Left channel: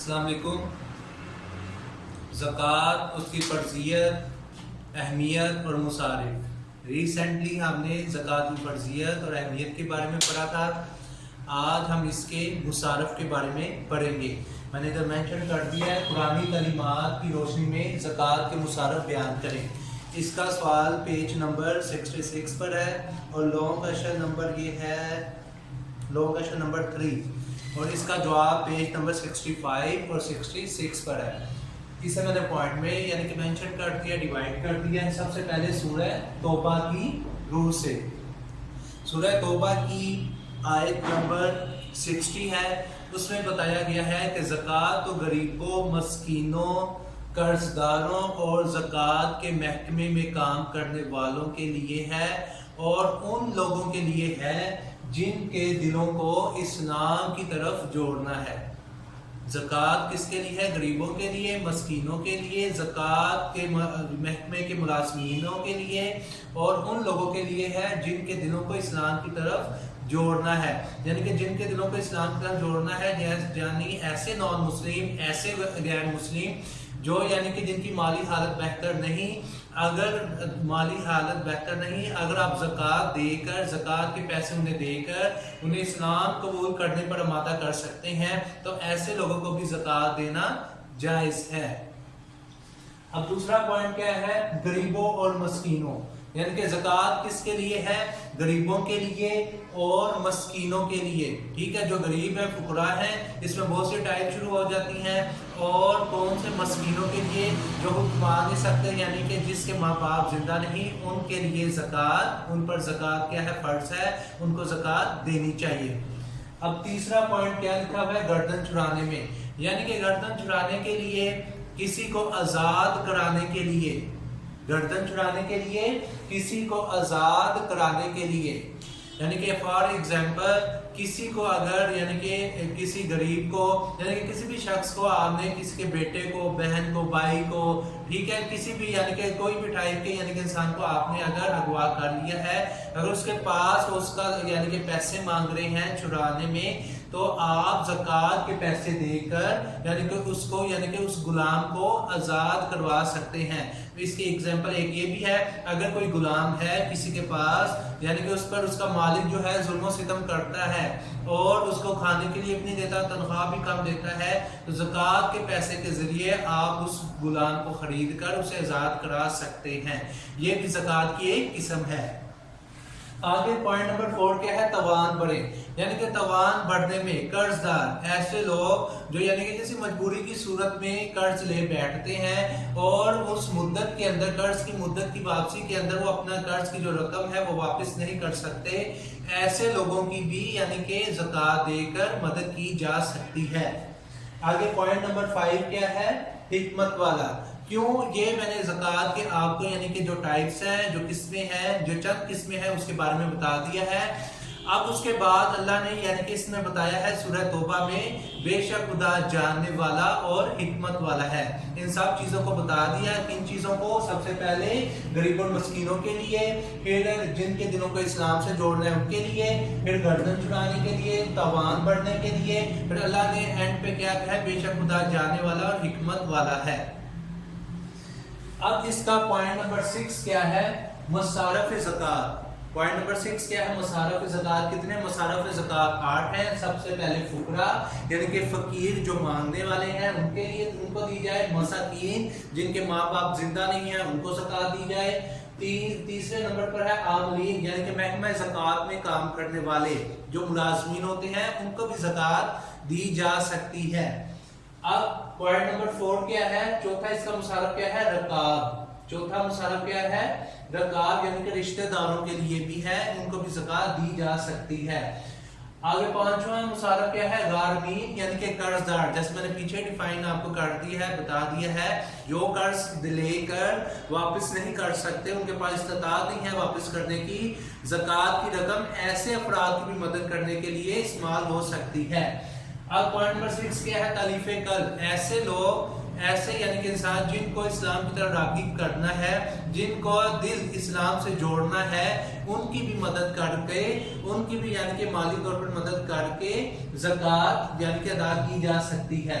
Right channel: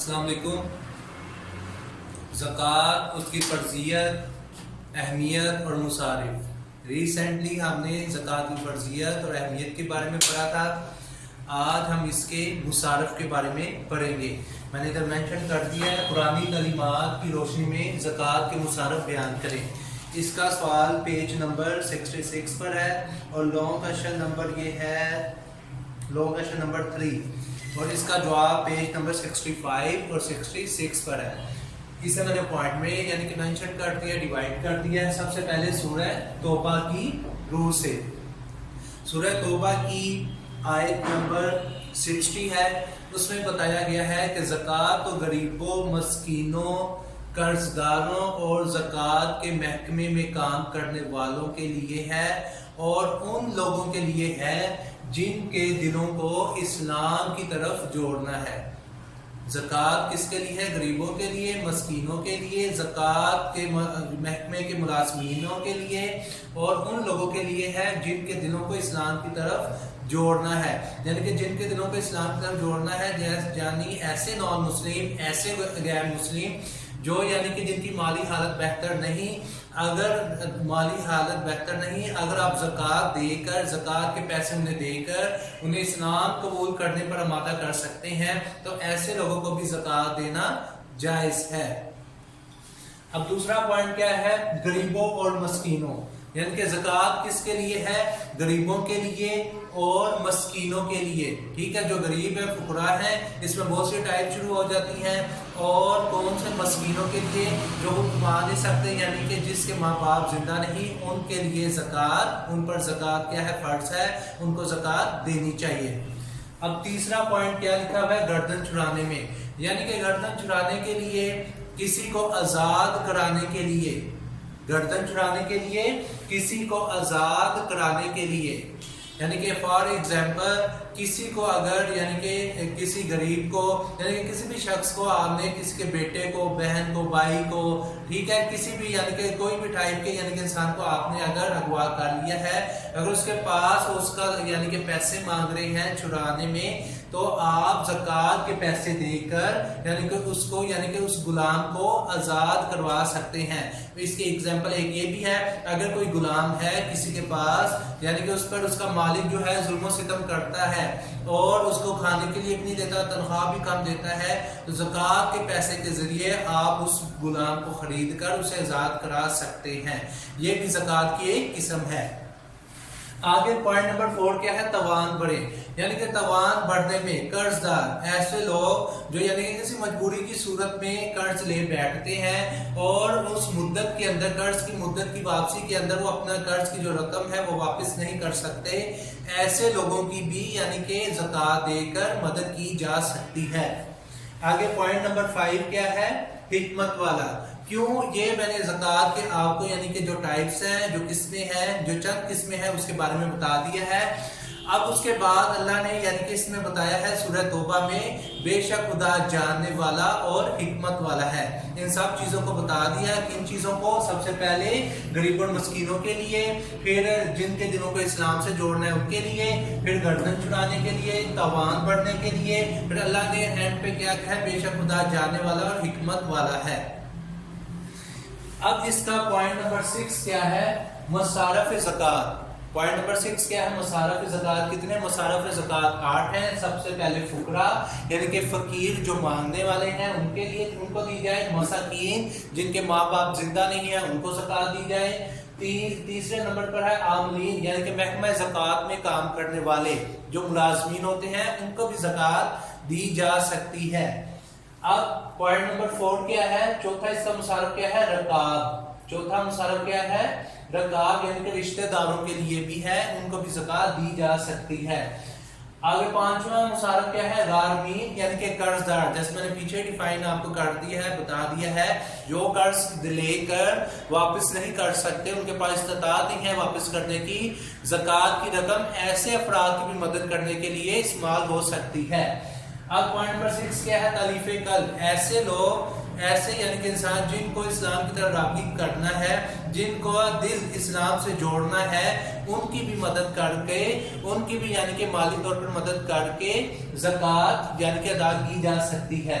السلام علیکم۔ زکوٰۃ، اس کی فرضیت، اہمیت اور مصارف۔ ریسنٹلی ہم نے زکوٰۃ کی فرضیت اور اہمیت کے بارے میں پڑھا تھا۔ آج ہم اس کے مصارف کے بارے میں پڑھیں گے۔ میں نے ادھر مینشن کر دیا ہے، قرآنی تعلیمات کی روشنی میں زکوٰۃ کے مصارف بیان کریں۔ اس کا سوال پیج نمبر 66 پر ہے اور لانگ کویشچن نمبر یہ ہے لانگ کویشچن نمبر 3 اور اس کا جواب پیج نمبر 65 اور 66 پر ہے۔ اسے میں نے پوائنٹ میں یعنی کہ مینشن کر دیا، ڈیوائڈ کر دیا ہے۔ سب سے پہلے سورہ توبہ کی روح سے، سورہ توبہ کی آیت نمبر 60 ہے۔ اس میں بتایا گیا ہے کہ زکوٰۃ تو غریبوں، مسکینوں، قرض داروں اور زکوٰۃ کے محکمے میں کام کرنے والوں کے لیے ہے اور ان لوگوں کے لیے ہے جن کے دلوں کو اسلام کی طرف جوڑنا ہے۔ زکوٰۃ کس کے لیے ہے؟ غریبوں کے لیے، مسکینوں کے لیے، زکوٰۃ کے محکمے کے ملازمینوں کے لیے اور ان لوگوں کے لیے ہے جن کے دلوں کو اسلام کی طرف جوڑنا ہے۔ یعنی کہ جن کے دلوں کو اسلام کی طرف جوڑنا ہے، یعنی ایسے نان مسلم، ایسے غیر مسلم جو یعنی کہ جن کی مالی حالت بہتر نہیں، اگر مالی حالت بہتر نہیں، اگر آپ زکوٰۃ دے کر، زکوٰۃ کے پیسے انہیں دے کر انہیں اسلام قبول کرنے پر آمادہ کر سکتے ہیں تو ایسے لوگوں کو بھی زکوٰۃ دینا جائز ہے۔ اب دوسرا پوائنٹ کیا ہے؟ غریبوں اور مسکینوں، یعنی کہ زکوٰۃ کس کے لیے ہے؟ غریبوں کے لیے اور مسکینوں کے لیے۔ ٹھیک ہے، جو غریب ہے، فقراء ہیں، اس میں بہت سی ٹائپ شروع ہو جاتی ہیں۔ اور کون سے؟ مسکینوں کے لیے، جو وہ کما نہیں سکتے، یعنی کہ جس کے ماں باپ زندہ نہیں، ان کے لیے زکوٰۃ، ان پر زکوٰۃ کیا ہے؟ فرض ہے، ان کو زکوٰۃ دینی چاہیے۔ اب تیسرا پوائنٹ کیا لکھا ہوا ہے؟ گردن چھڑانے میں، یعنی کہ گردن چھڑانے کے لیے، کسی کو آزاد کرانے کے لیے، گردن چھڑانے کے لیے، کسی کو آزاد کرانے کے لیے، یعنی کہ فار ایگزامپل کسی کو اگر یعنی کہ کسی غریب کو یعنی کہ کسی بھی شخص کو آپ نے کسی کے بیٹے کو، بہن کو، بھائی کو، ٹھیک ہے، کسی بھی یعنی کہ کوئی بھی ٹائپ کے یعنی کہ انسان کو آپ نے اگر اغوا کر لیا ہے، اگر اس کے پاس اس کا یعنی کہ پیسے مانگ رہے ہیں چھڑانے میں، تو آپ زکوٰۃ کے پیسے دے کر یعنی کہ اس کو یعنی کہ اس غلام کو آزاد کروا سکتے ہیں۔ اس کی ایگزامپل ایک یہ بھی ہے، اگر کوئی غلام ہے کسی کے پاس یعنی کہ اس پر اس کا مالک جو ہے ظلم و ستم کرتا ہے اور اس کو کھانے کے لیے بھی نہیں دیتا، تنخواہ بھی کم دیتا ہے، تو زکوٰۃ کے پیسے کے ذریعے آپ اس غلام کو خرید کر اسے آزاد کرا سکتے ہیں۔ یہ بھی زکوٰۃ کی ایک قسم ہے۔ آگے پوائنٹ نمبر 4 کیا ہے؟ توان بڑھے، یعنی کہ توان بڑھنے میں قرض دار، ایسے لوگ جو یعنی کہ کسی مجبوری کی صورت میں قرض لے بیٹھتے ہیں اور اس مدت کے اندر، قرض کی مدت کی واپسی کے اندر وہ اپنا قرض کی جو رقم ہے وہ واپس نہیں کر سکتے، ایسے لوگوں کی بھی یعنی کہ زکوٰۃ دے کر مدد کی جا سکتی ہے۔ آگے پوائنٹ نمبر 5 کیا ہے؟ حکمت والا۔ کیوں؟ یہ میں نے زکوٰۃ کے آپ کو یعنی کہ جو ٹائپس ہیں، جو قسمیں ہیں، جو چند قسمیں ہیں اس کے بارے میں بتا دیا ہے۔ اب اس کے بعد اللہ نے یعنی کہ اس میں بتایا ہے سورہ توبہ میں، بے شک خدا جاننے والا اور حکمت والا ہے۔ ان سب چیزوں کو بتا دیا، کن چیزوں کو؟ سب سے پہلے غریب اور مسکینوں کے لیے، پھر جن کے دلوں کو اسلام سے جوڑنا ہے ان کے لیے، پھر گردن چھڑانے کے لیے، توان بڑھنے کے لیے، پھر اللہ نے اینڈ پہ کیا کہا ہے؟ بے شک خدا جاننے والا اور حکمت والا ہے۔ اب اس کا پوائنٹ نمبر 6 کیا ہے؟ مصارف زکوٰۃ۔ پوائنٹ نمبر 6 کیا ہے؟ مصارف زکوٰۃ۔ کتنے مصارف زکوٰۃ؟ 8 ہیں۔ سب سے پہلے فقراء یعنی کہ فقیر جو مانگنے والے ہیں ان کے لیے، ان کو دی جائے۔ مساکین جن کے ماں باپ زندہ نہیں ہیں ان کو زکوٰۃ دی جائے۔ تیسرے نمبر پر ہے عاملین، یعنی کہ محکمہ زکوٰۃ میں کام کرنے والے جو ملازمین ہوتے ہیں ان کو بھی زکوٰۃ دی جا سکتی ہے۔ اب پوائنٹ نمبر 4 کیا ہے؟ چوتھا اس کا مصارف کیا ہے؟ رقاب۔ چوتھا مصارف کیا ہے؟ رقاب، یعنی کہ رشتہ داروں کے لیے بھی ہے، ان کو بھی زکوٰۃ دی جا سکتی ہے۔ آگے 5واں مصارف کیا ہے؟ غارمین، یعنی کہ قرض دار، جیسے میں نے پیچھے ڈیفائن آپ کو کر دیا ہے، بتا دیا ہے، جو قرض لے کر واپس نہیں کر سکتے، ان کے پاس استطاعت نہیں ہے واپس کرنے کی، زکوٰۃ کی رقم ایسے افراد کی بھی مدد کرنے کے لیے استعمال ہو سکتی ہے۔ اب پوائنٹ نمبر 6 کیا ہے؟ تالیف قلب، ایسے لوگ، ایسے یعنی کہ انسان جن کو اسلام کی طرف راغب کرنا ہے، جن کو دل اسلام سے جوڑنا ہے، ان کی بھی مدد کر کے، ان کی بھی یعنی کہ مالی طور پر مدد کر کے زکوٰۃ یعنی کہ ادا کی جا سکتی ہے۔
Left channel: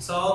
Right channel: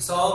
100